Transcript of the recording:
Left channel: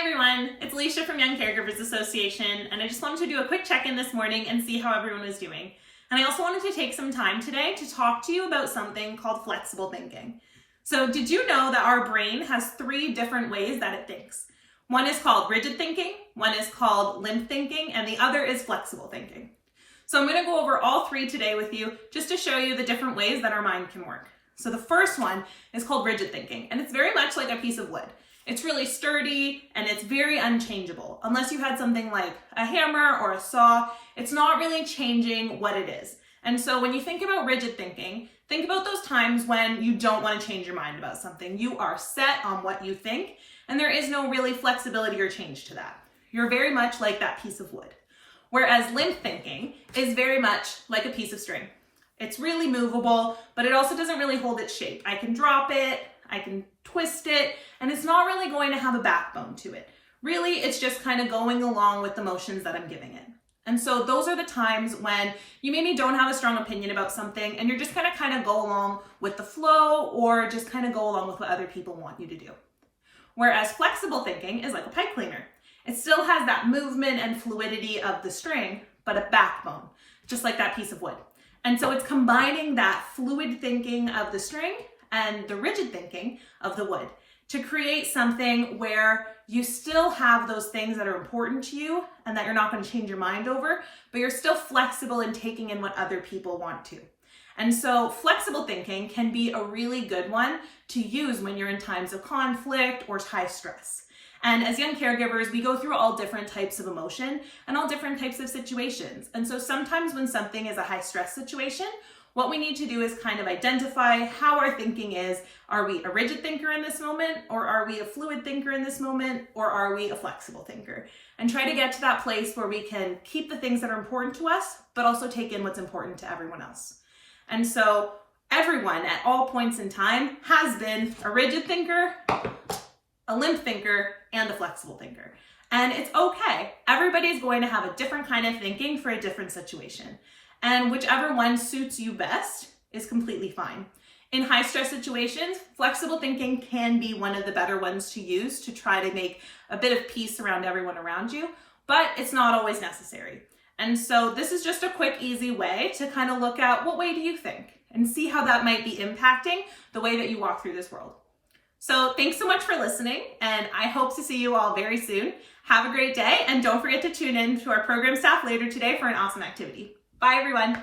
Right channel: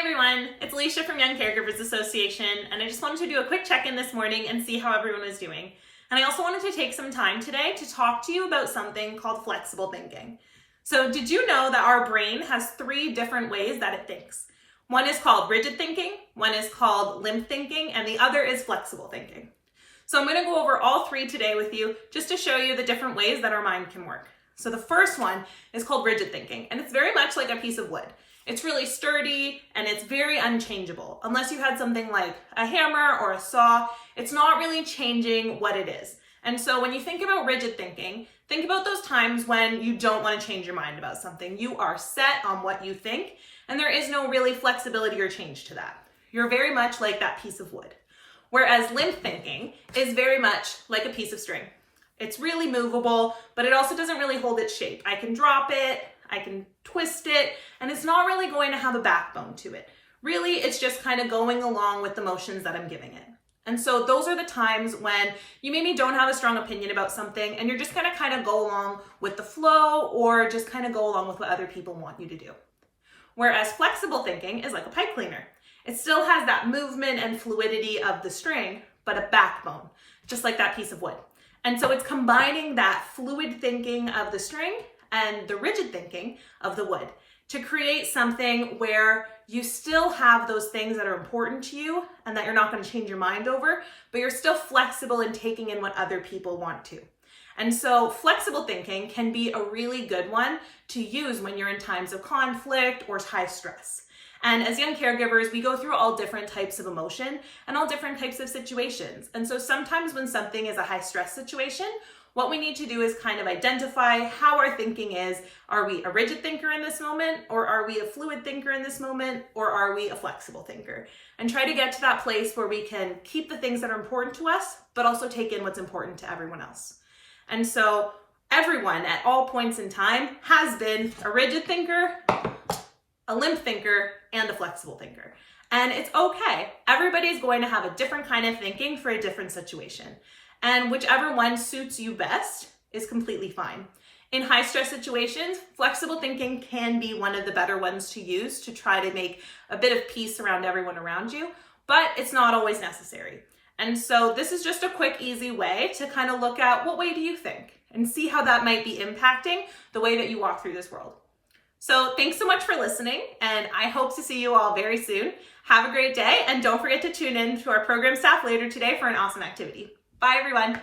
everyone, it's Alicia from Young Caregivers Association, and I just wanted to do a quick check-in this morning and see how everyone was doing. And I also wanted to take some time today to talk to you about something called flexible thinking. So did you know that our brain has 3 different ways that it thinks? One is called rigid thinking, one is called limp thinking, and the other is flexible thinking. So I'm going to go over all 3 today with you just to show you the different ways that our mind can work. So the first one is called rigid thinking, and it's very much like a piece of wood. It's really sturdy and it's very unchangeable. Unless you had something like a hammer or a saw, it's not really changing what it is. And so when you think about rigid thinking, think about those times when you don't want to change your mind about something. You are set on what you think, and there is no really flexibility or change to that. You're very much like that piece of wood. Whereas limp thinking is very much like a piece of string. It's really movable, but it also doesn't really hold its shape. I can drop it, I can twist it, and it's not really going to have a backbone to it. Really, it's just kind of going along with the motions that I'm giving it. And so those are the times when you maybe don't have a strong opinion about something and you're just gonna kind of go along with the flow or just kind of go along with what other people want you to do. Whereas flexible thinking is like a pipe cleaner. It still has that movement and fluidity of the string, but a backbone, just like that piece of wood. And so it's combining that fluid thinking of the string and the rigid thinking of the wood to create something where you still have those things that are important to you and that you're not going to change your mind over, but you're still flexible in taking in what other people want to. And so flexible thinking can be a really good one to use when you're in times of conflict or high stress. And as young caregivers, we go through all different types of emotion and all different types of situations. And so sometimes when something is a high stress situation, what we need to do is kind of identify how our thinking is. Are we a rigid thinker in this moment, or are we a fluid thinker in this moment, or are we a flexible thinker? And try to get to that place where we can keep the things that are important to us, but also take in what's important to everyone else. And so everyone at all points in time has been a rigid thinker, a limp thinker, and a flexible thinker. And it's okay. Everybody's going to have a different kind of thinking for a different situation. And whichever one suits you best is completely fine. In high stress situations, flexible thinking can be one of the better ones to use to try to make a bit of peace around everyone around you, but it's not always necessary. And so this is just a quick, easy way to kind of look at what way do you think and see how that might be impacting the way that you walk through this world. So thanks so much for listening, and I hope to see you all very soon. Have a great day, and don't forget to tune in to our program staff later today for an awesome activity. Bye, everyone.